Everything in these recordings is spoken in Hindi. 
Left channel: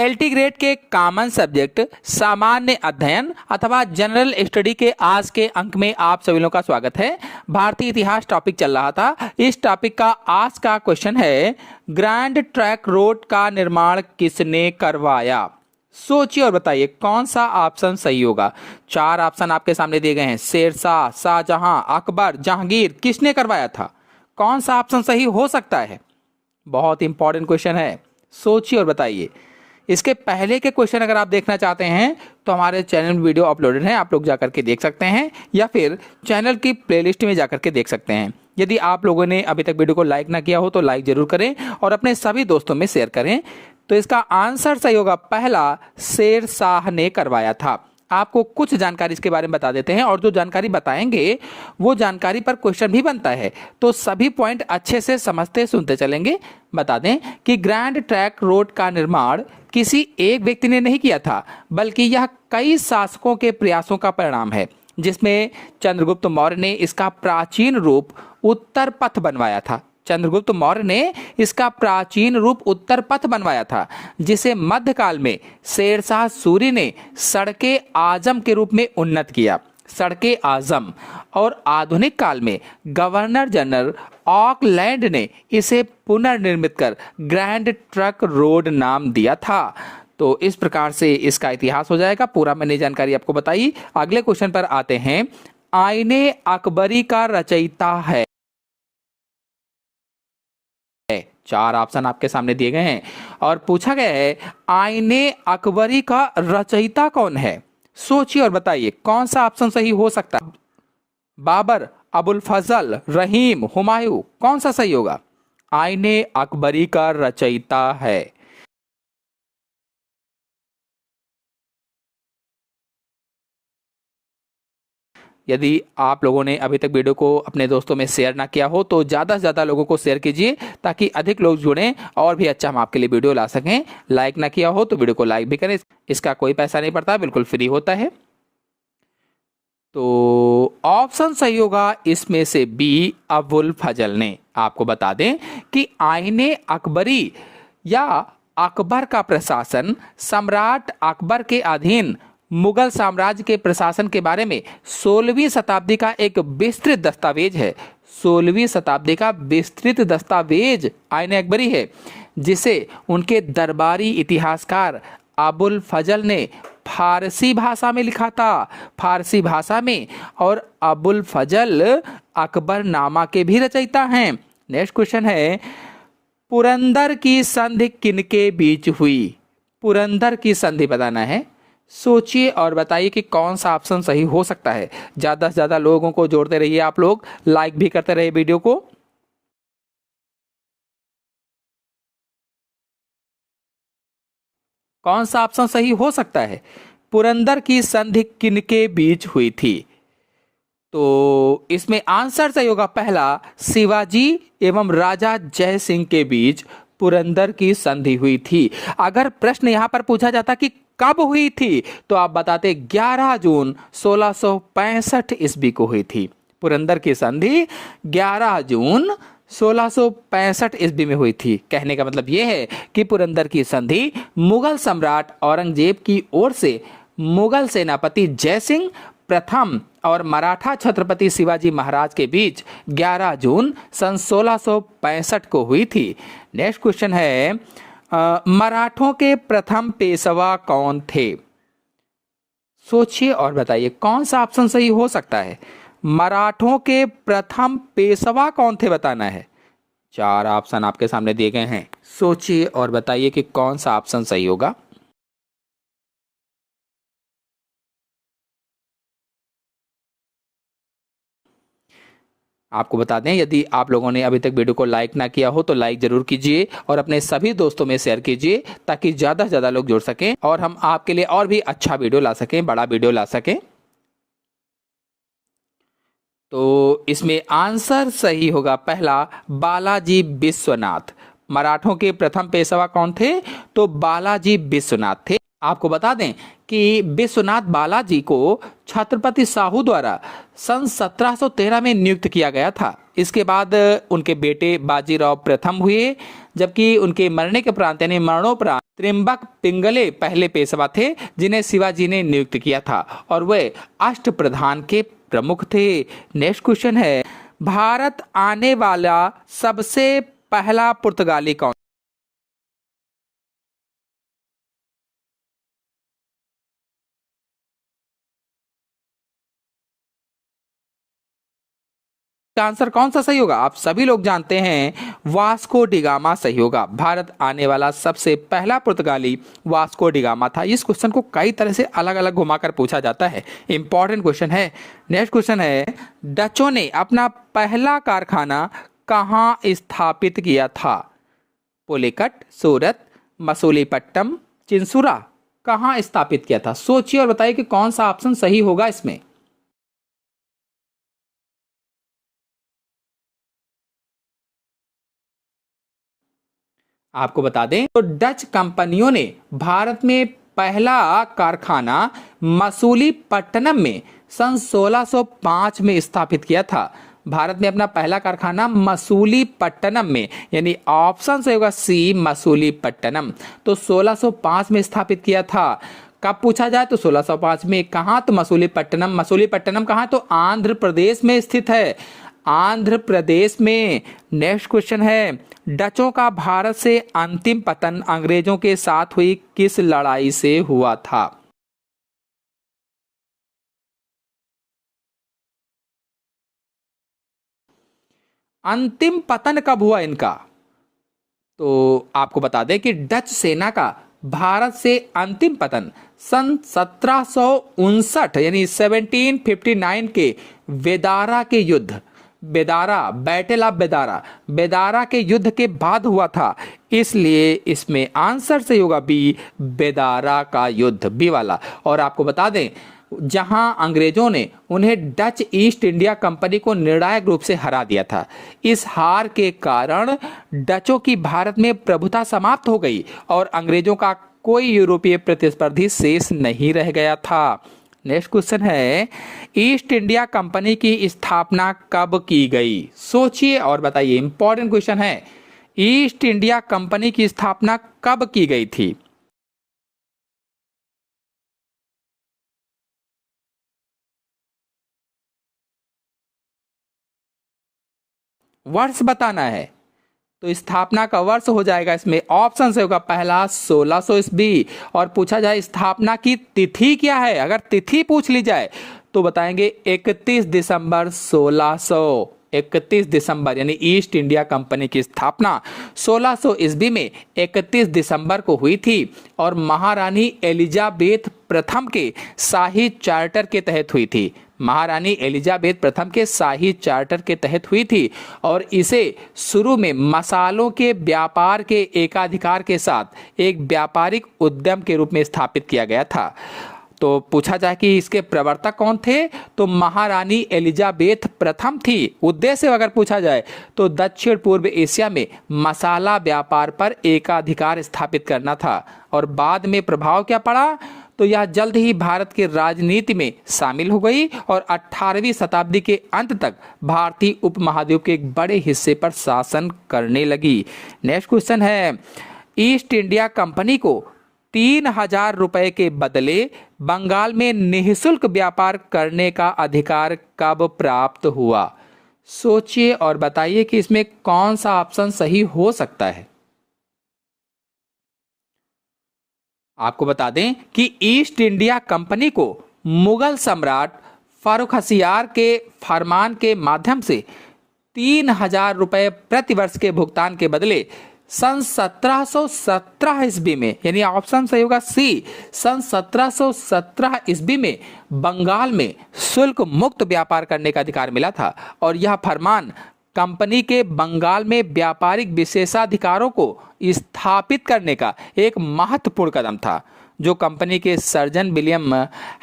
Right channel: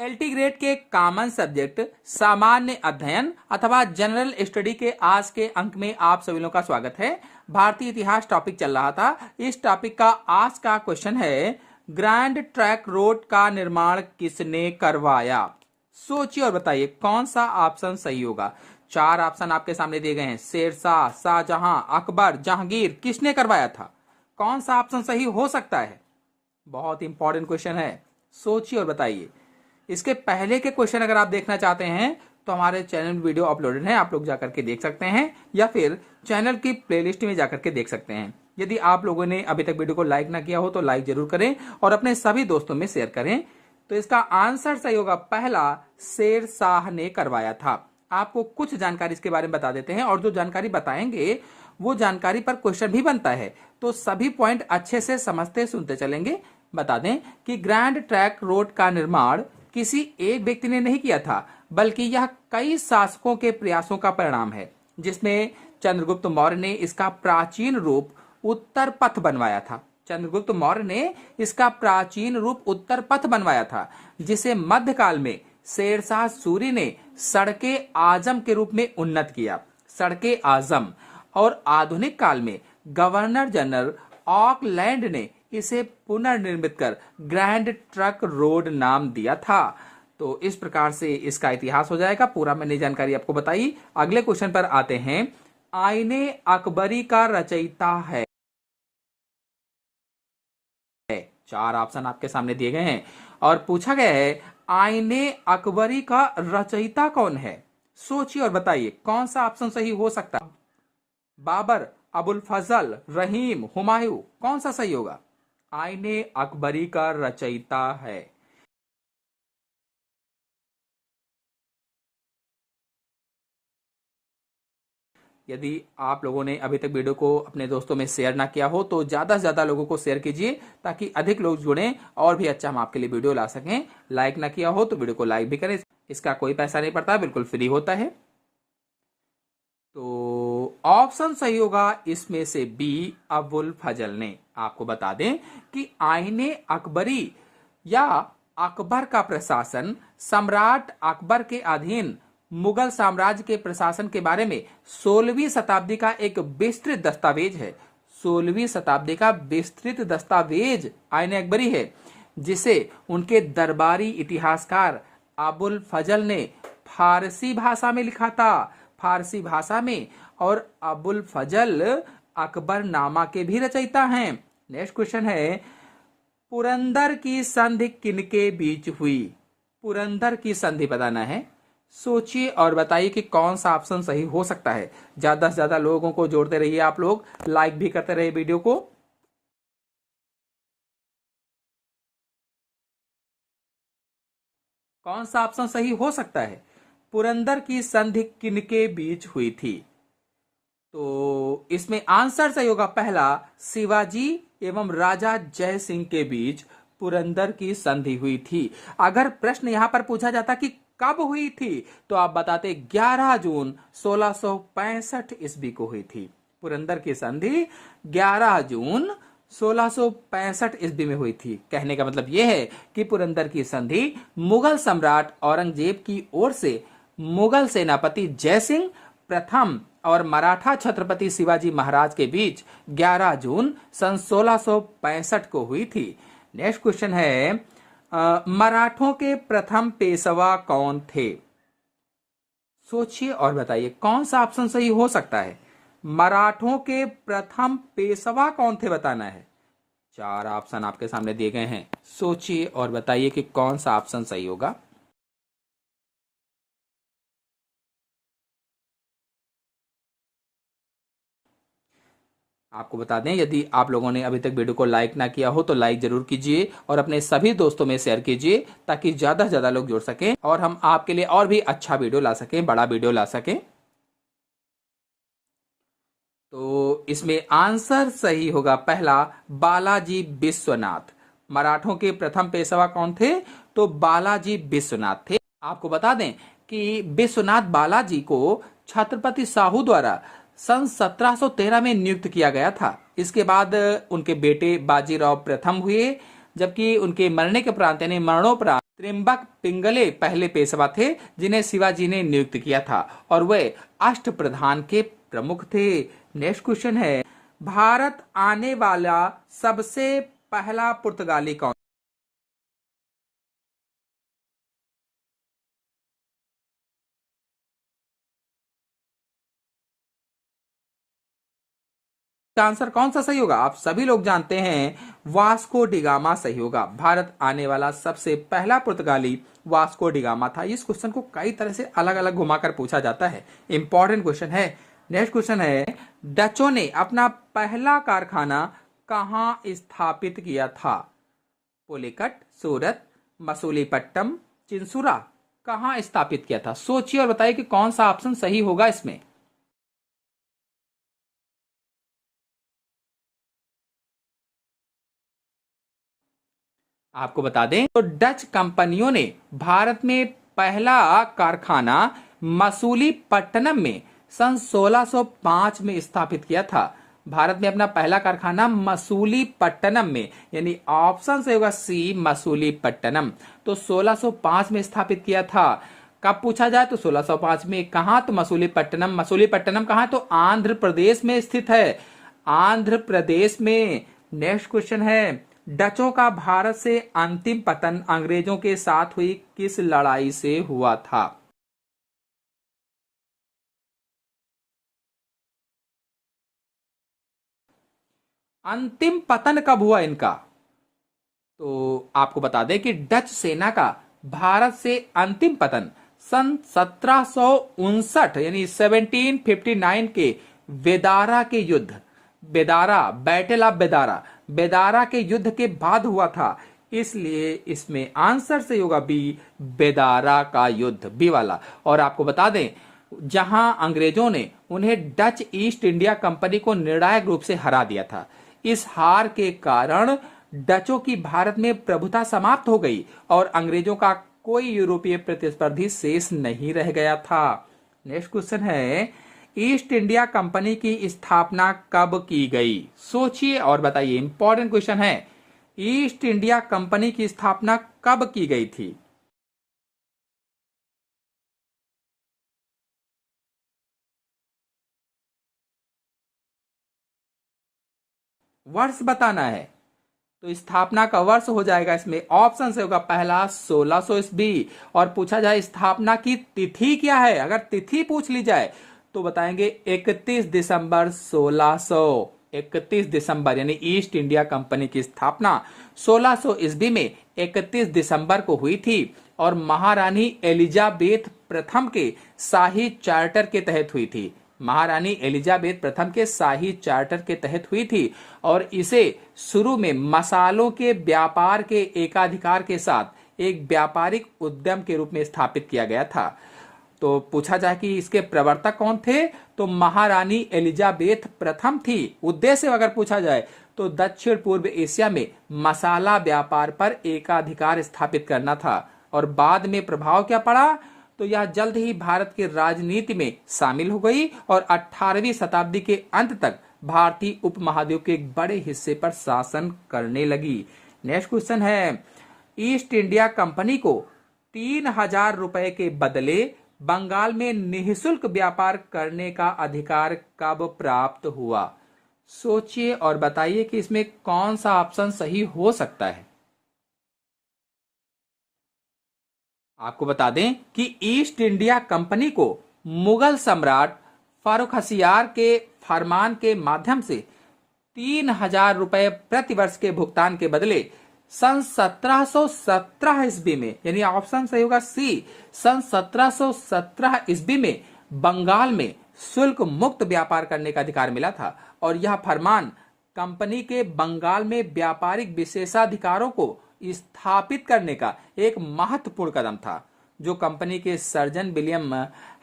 एलटी ग्रेड के कॉमन सब्जेक्ट सामान्य अध्ययन अथवा जनरल स्टडी के आज के अंक में आप सभी लोगों का स्वागत है। भारतीय इतिहास टॉपिक चल रहा था। इस टॉपिक का आज का क्वेश्चन है, ग्रैंड ट्रंक रोड का निर्माण किसने करवाया? सोचिए और बताइए कौन सा ऑप्शन सही होगा। चार ऑप्शन आपके सामने दिए गए हैं, शेरशाह, शाहजहां, अकबर, जहांगीर। किसने करवाया था? कौन सा ऑप्शन सही हो सकता है? बहुत इंपॉर्टेंट क्वेश्चन है, सोचिए और बताइए। इसके पहले के क्वेश्चन अगर आप देखना चाहते हैं तो हमारे चैनल में वीडियो अपलोडेड है, आप लोग जाकर के देख सकते हैं या फिर चैनल की प्लेलिस्ट में जाकर के देख सकते हैं। यदि आप लोगों ने अभी तक वीडियो को लाइक ना किया हो तो लाइक जरूर करें और अपने सभी दोस्तों में शेयर करें। तो इसका आंसर सही होगा पहला, शेरशाह ने करवाया था। आपको कुछ जानकारी इसके बारे में बता देते हैं और जो जानकारी बताएंगे वो जानकारी पर क्वेश्चन भी बनता है, तो सभी पॉइंट अच्छे से समझते सुनते चलेंगे। बता दें कि ग्रैंड ट्रंक रोड का निर्माण किसी एक व्यक्ति ने नहीं किया था, बल्कि यह कई शासकों के प्रयासों का परिणाम है, जिसमें चंद्रगुप्त मौर्य ने इसका प्राचीन रूप उत्तर पथ बनवाया था। चंद्रगुप्त मौर्य ने इसका प्राचीन रूप उत्तर पथ बनवाया था, जिसे मध्यकाल में शेरशाह सूरी ने सड़के आजम के रूप में उन्नत किया। सड़के आजम। और आधुनिक काल में गवर्नर जनरल ऑकलैंड ने इसे पुनर्निर्मित कर ग्रैंड ट्रंक रोड नाम दिया था। तो इस प्रकार से इसका इतिहास हो जाएगा पूरा। मैंने जानकारी आपको बताई। अगले क्वेश्चन पर आते हैं। आईने अकबरी का रचयिता है? चार ऑप्शन आपके सामने दिए गए हैं और पूछा गया है, आईने अकबरी का रचयिता कौन है? सोचिए और बताइए कौन सा ऑप्शन सही हो सकता है। बाबर, अबुल फजल, रहीम, हुमायूं, कौन सा सही होगा? आईने अकबरी का रचयिता है। यदि आप लोगों ने अभी तक वीडियो को अपने दोस्तों में शेयर ना किया हो तो ज़्यादा से ज़्यादा लोगों को शेयर कीजिए, ताकि अधिक लोग जुड़ें और भी अच्छा हम आपके लिए वीडियो ला सकें। लाइक ना किया हो तो वीडियो को लाइक भी करें, इसका कोई पैसा नहीं पड़ता, बिल्कुल फ्री होता है। तो ऑप्शन सही होगा इसमें से बी, अबुल फजल ने। आपको बता दें कि आईने अकबरी या अकबर का प्रशासन सम्राट अकबर के अधीन मुगल साम्राज्य के प्रशासन के बारे में 16वीं शताब्दी का एक विस्तृत दस्तावेज है। 16वीं शताब्दी का विस्तृत दस्तावेज आईने अकबरी है, जिसे उनके दरबारी इतिहासकार अबुल फजल ने फारसी भाषा में लिखा था। फारसी भाषा में। और अबुल फजल अकबरनामा के भी रचयिता हैं। नेक्स्ट क्वेश्चन है, पुरंदर की संधि किनके बीच हुई? पुरंदर की संधि बताना है। सोचिए और बताइए कि कौन सा ऑप्शन सही हो सकता है। ज्यादा से ज्यादा लोगों को जोड़ते रहिए, आप लोग लाइक भी करते रहिए वीडियो को। कौन सा ऑप्शन सही हो सकता है? पुरंदर की संधि किनके बीच हुई थी? तो इसमें आंसर सही होगा पहला, शिवाजी एवं राजा जय सिंह के बीच पुरंदर की संधि हुई थी। अगर प्रश्न यहां पर पूछा जाता कि कब हुई थी तो आप बताते 11 जून 1665 ईस्वी को हुई थी। पुरंदर की संधि 11 जून 1665 ईस्वी में हुई थी। कहने का मतलब यह है कि पुरंदर की संधि मुगल सम्राट औरंगजेब की ओर से मुगल सेनापति जयसिंह प्रथम और मराठा छत्रपति शिवाजी महाराज के बीच 11 जून सन 1665 को हुई थी। नेक्स्ट क्वेश्चन है, मराठों के प्रथम पेशवा कौन थे? सोचिए और बताइए कौन सा ऑप्शन सही हो सकता है। मराठों के प्रथम पेशवा कौन थे बताना है। चार ऑप्शन आपके सामने दिए गए हैं, सोचिए और बताइए कि कौन सा ऑप्शन सही होगा। आपको बता दें, यदि आप लोगों ने अभी तक वीडियो को लाइक ना किया हो तो लाइक जरूर कीजिए और अपने सभी दोस्तों में शेयर कीजिए, ताकि ज्यादा से ज्यादा लोग जुड़ सकें और हम आपके लिए और भी अच्छा वीडियो ला सकें, बड़ा वीडियो ला सकें। तो इसमें आंसर सही होगा पहला, बालाजी विश्वनाथ। मराठों के प्रथम पेशवा कौन थे? तो बालाजी विश्वनाथ थे। आपको बता दें कि विश्वनाथ बालाजी को छत्रपति साहू द्वारा सन 1713 में नियुक्त किया गया था। इसके बाद उनके बेटे बाजीराव प्रथम हुए, जबकि उनके मरने के प्रांत यानी मरणोपरांत त्रिम्बक पिंगले पहले पेशवा थे जिन्हें शिवाजी ने नियुक्त किया था और वे अष्टप्रधान के प्रमुख थे। नेक्स्ट क्वेश्चन है, भारत आने वाला सबसे पहला पुर्तगाली कौन? आंसर कौन सा सही होगा? आप सभी लोग जानते हैं वास्को डिगामा सही होगा। भारत आने वाला सबसे पहला पुर्तगाली वास्को डिगामा था। इस क्वेश्चन को कई तरह से अलग अलग घुमाकर पूछा जाता है, इंपॉर्टेंट क्वेश्चन है। नेक्स्ट क्वेश्चन है, डचों ने अपना पहला कारखाना कहाँ स्थापित किया था? पुलिकट, सूरत, मसूलीपट्टनम, चिंसुरा, कहाँ स्थापित किया था? सोचिए और बताइए कि कौन सा ऑप्शन सही होगा इसमें। आपको बता दें तो डच कंपनियों ने भारत में पहला कारखाना मसूलीपट्टनम में सन 1605 में स्थापित किया था। भारत में अपना पहला कारखाना मसूलीपट्टनम में, यानी ऑप्शन सही होगा सी, मसूलीपट्टनम। तो 1605 में स्थापित किया था। कब पूछा जाए तो 1605 में। कहाँ? तो मसूलीपट्टनम। मसूलीपट्टनम कहाँ? तो आंध्र प्रदेश में स्थित है, आंध्र प्रदेश में। नेक्स्ट क्वेश्चन है, डचों का भारत से अंतिम पतन अंग्रेजों के साथ हुई किस लड़ाई से हुआ था? अंतिम पतन कब हुआ इनका? तो आपको बता दें कि डच सेना का भारत से अंतिम पतन सन 1759 यानी 1759 के वेदारा के युद्ध, बेदारा, बैटल ऑफ बेदारा, बेदारा के युद्ध के बाद हुआ था। इसलिए इसमें आंसर सही होगा बी, बेदारा का युद्ध, बी वाला। और आपको बता दें जहां अंग्रेजों ने उन्हें डच ईस्ट इंडिया कंपनी को निर्णायक रूप से हरा दिया था। इस हार के कारण डचों की भारत में प्रभुता समाप्त हो गई और अंग्रेजों का कोई यूरोपीय प्रतिस्पर्धी शेष नहीं रह गया था। नेक्स्ट क्वेश्चन है, ईस्ट इंडिया कंपनी की स्थापना कब की गई? सोचिए और बताइए, इंपॉर्टेंट क्वेश्चन है। ईस्ट इंडिया कंपनी की स्थापना कब की गई थी? वर्ष बताना है। तो स्थापना का वर्ष हो जाएगा इसमें ऑप्शन से होगा पहला 1600 ईस्वी। और पूछा जाए स्थापना की तिथि क्या है, अगर तिथि पूछ ली जाए तो बताएंगे 31 दिसंबर 1600। 31 दिसंबर यानी ईस्ट इंडिया कंपनी की स्थापना 1600 ईस्वी में 31 दिसंबर को हुई थी और महारानी एलिजाबेथ प्रथम के शाही चार्टर के तहत हुई थी। महारानी एलिजाबेथ प्रथम के शाही चार्टर के तहत हुई थी और इसे शुरू में मसालों के व्यापार के एकाधिकार के साथ एक व्यापारिक उद्यम के रूप में स्थापित किया गया था। तो पूछा जाए कि इसके प्रवर्तक कौन थे, तो महारानी एलिजाबेथ प्रथम थी। उद्देश्य अगर पूछा जाए तो दक्षिण पूर्व एशिया में मसाला व्यापार पर एकाधिकार स्थापित करना था। और बाद में प्रभाव क्या पड़ा, तो यह जल्द ही भारत की राजनीति में शामिल हो गई और 18वीं शताब्दी के अंत तक भारतीय उपमहाद्वीप के एक बड़े हिस्से पर शासन करने लगी। नेक्स्ट क्वेश्चन है, ईस्ट इंडिया कंपनी को 3000 रुपए के बदले बंगाल में निःशुल्क व्यापार करने का अधिकार कब प्राप्त हुआ? सोचिए और बताइए कि इसमें कौन सा ऑप्शन सही हो सकता है। आपको बता दें कि ईस्ट इंडिया कंपनी को मुगल सम्राट फारुखसियार के फरमान के माध्यम से 3000 रुपए प्रति वर्ष के भुगतान के बदले सन 1717 ईस्वी में, यानी ऑप्शन सही होगा सी, सन 1717 ईस्वी में बंगाल में शुल्क मुक्त व्यापार करने का अधिकार मिला था। और यह फरमान कंपनी के बंगाल में व्यापारिक विशेषाधिकारों को स्थापित करने का एक महत्वपूर्ण कदम था, जो कंपनी के सर्जन विलियम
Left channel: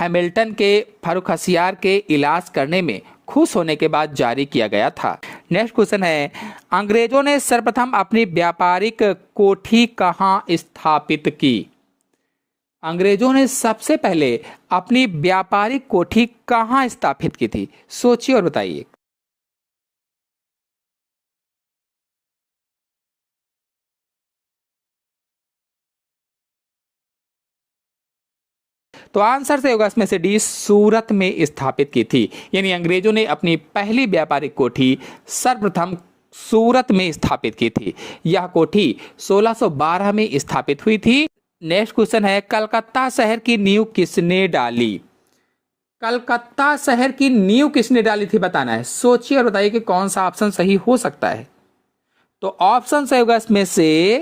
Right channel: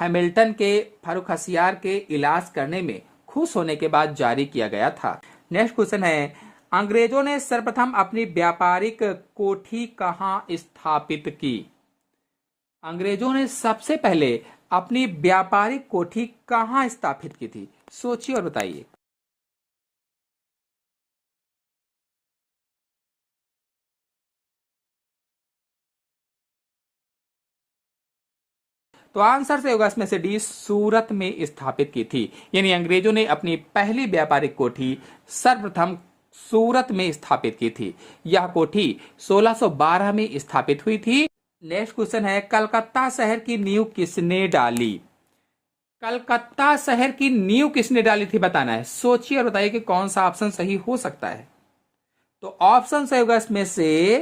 हैमिल्टन के फारुखसियार के इलाज करने में खुश होने के बाद जारी किया गया था। नेक्स्ट क्वेश्चन है, अंग्रेजों ने सर्वप्रथम अपनी व्यापारिक कोठी कहाँ स्थापित की? अंग्रेजों ने सबसे पहले अपनी व्यापारिक कोठी कहाँ स्थापित की थी? सोचिए और बताइए। तो आंसर से होगा इसमें से डी, सूरत में स्थापित की थी। यानी अंग्रेजों ने अपनी पहली व्यापारिक कोठी सर्वप्रथम सूरत में स्थापित की थी। यह कोठी 1612 में स्थापित हुई थी। नेक्स्ट क्वेश्चन है, कलकत्ता शहर की नींव किसने डाली? कलकत्ता शहर की नींव किसने डाली थी बताना है। सोचिए और बताइए कि कौन सा ऑप्शन सही हो सकता है। तो ऑप्शन सही होगा इसमें से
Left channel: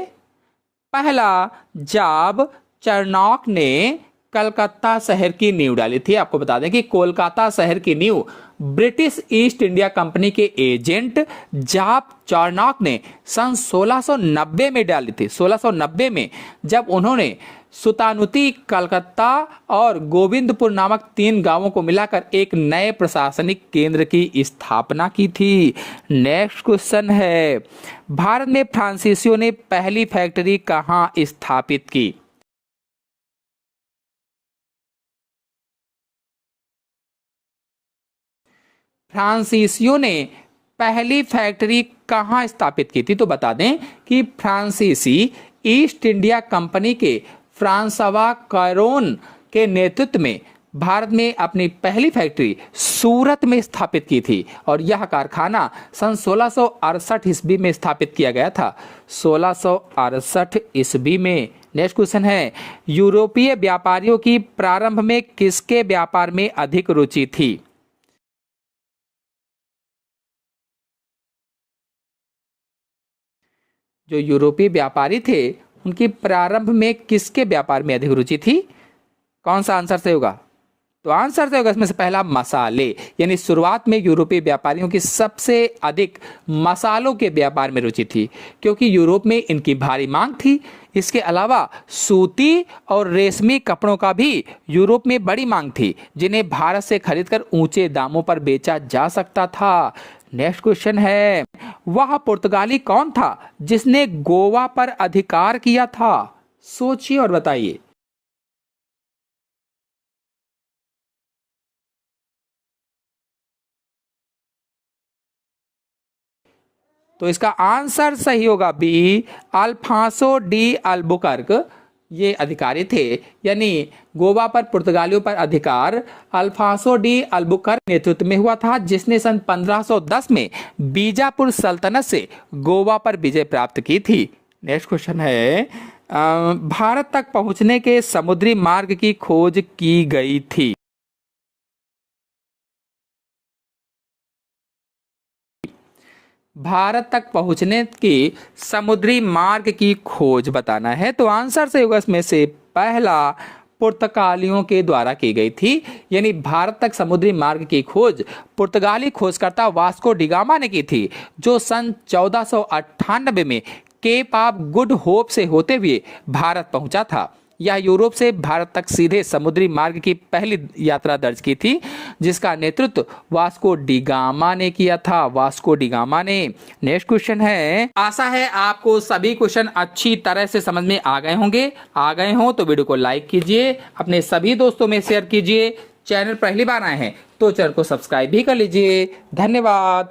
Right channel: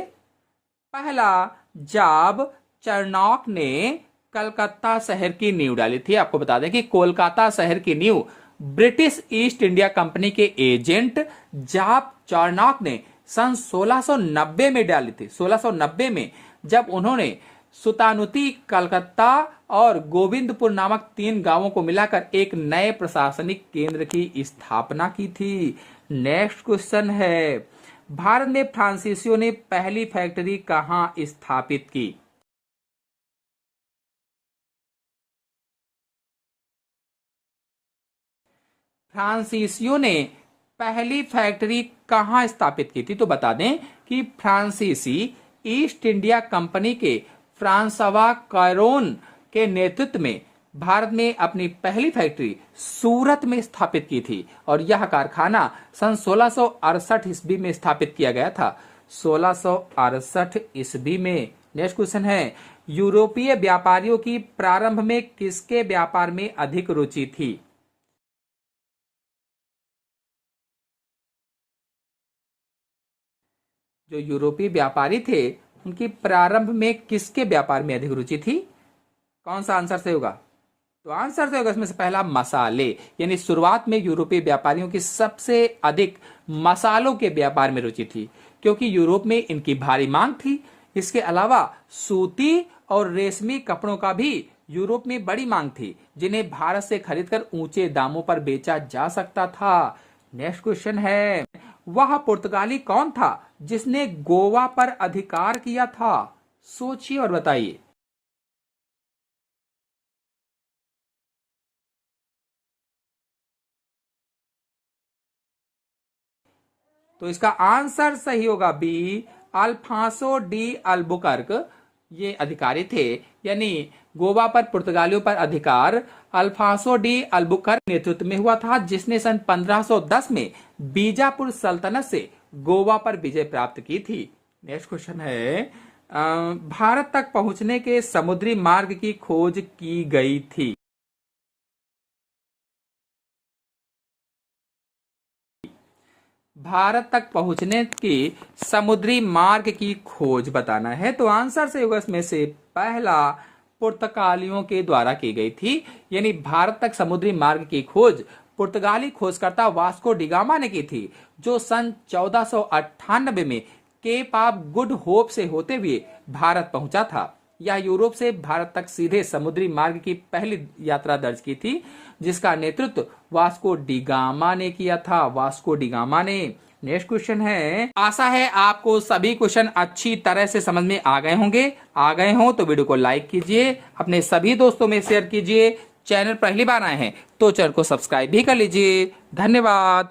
पहला, जब चाणक्य ने कलकत्ता शहर की नींव डाली थी। आपको बता दें कि कोलकाता शहर की नींव ब्रिटिश ईस्ट इंडिया कंपनी के एजेंट जाप चाणक्य ने सन 1690 में डाली थी। 1690 में जब उन्होंने सुतानुती, कलकत्ता और गोविंदपुर नामक 3 गांवों को मिलाकर एक नए प्रशासनिक केंद्र की स्थापना की थी। नेक्स्ट क्वेश्चन है, भारत में फ्रांसीसियों ने पहली फैक्ट्री कहां स्थापित की? फ्रांसीसियों ने पहली फैक्ट्री कहां स्थापित की थी? तो बता दें कि फ्रांसीसी ईस्ट इंडिया कंपनी के फ्रांसवा कैरोन के नेतृत्व में भारत में अपनी पहली फैक्ट्री सूरत में स्थापित की थी और यह कारखाना सन 1668 ईस्वी में स्थापित किया गया था। 1668 ईस्वी में। नेक्स्ट क्वेश्चन है, यूरोपीय व्यापारियों की प्रारंभ में किसके व्यापार में अधिक रुचि थी? जो यूरोपीय व्यापारी थे उनकी प्रारंभ में किसके व्यापार में अधिक रुचि थी? कौन सा आंसर सही होगा? तो आंसर सही होगा इसमें से पहला, मसाले। यानी शुरुआत में यूरोपीय व्यापारियों की सबसे अधिक मसालों के व्यापार में रुचि थी क्योंकि यूरोप में इनकी भारी मांग थी। इसके अलावा सूती और रेशमी कपड़ों का भी यूरोप में बड़ी मांग थी जिन्हें भारत से खरीदकर ऊंचे दामों पर बेचा जा सकता था। नेक्स्ट क्वेश्चन है, वह पुर्तगाली कौन था जिसने गोवा पर अधिकार किया था? सोचिए और बताइए। तो इसका आंसर सही होगा बी, अल्फांसो डी अल्बुकर्क। ये अधिकारी थे। यानी गोवा पर पुर्तगालियों पर अधिकार अल्फांसो डी अल्बुकर्क नेतृत्व में हुआ था, जिसने सन 1510 में बीजापुर सल्तनत से गोवा पर विजय प्राप्त की थी। नेक्स्ट क्वेश्चन है, भारत तक पहुंचने के समुद्री मार्ग की खोज की गई थी। भारत तक पहुंचने की समुद्री मार्ग की खोज बताना है। तो आंसर सही होगा इसमें से पहला, पुर्तगालियों के द्वारा की गई थी। यानी भारत तक समुद्री मार्ग की खोज पुर्तगाली खोजकर्ता वास्को डिगामा ने की थी, जो सन 1498 में केप ऑफ गुड होप से होते हुए भारत पहुंचा था। यह यूरोप से भारत तक सीधे समुद्री मार्ग की पहली यात्रा दर्ज की थी, जिसका नेतृत्व वास्को डिगामा ने किया था। वास्को डिगामा ने। नेक्स्ट क्वेश्चन है, आशा है आपको सभी क्वेश्चन अच्छी तरह से समझ में आ गए होंगे। आ गए हो तो वीडियो को लाइक कीजिए, अपने सभी दोस्तों में शेयर कीजिए। चैनल पहली बार आए हैं तो चैनल को सब्सक्राइब भी कर लीजिए। धन्यवाद।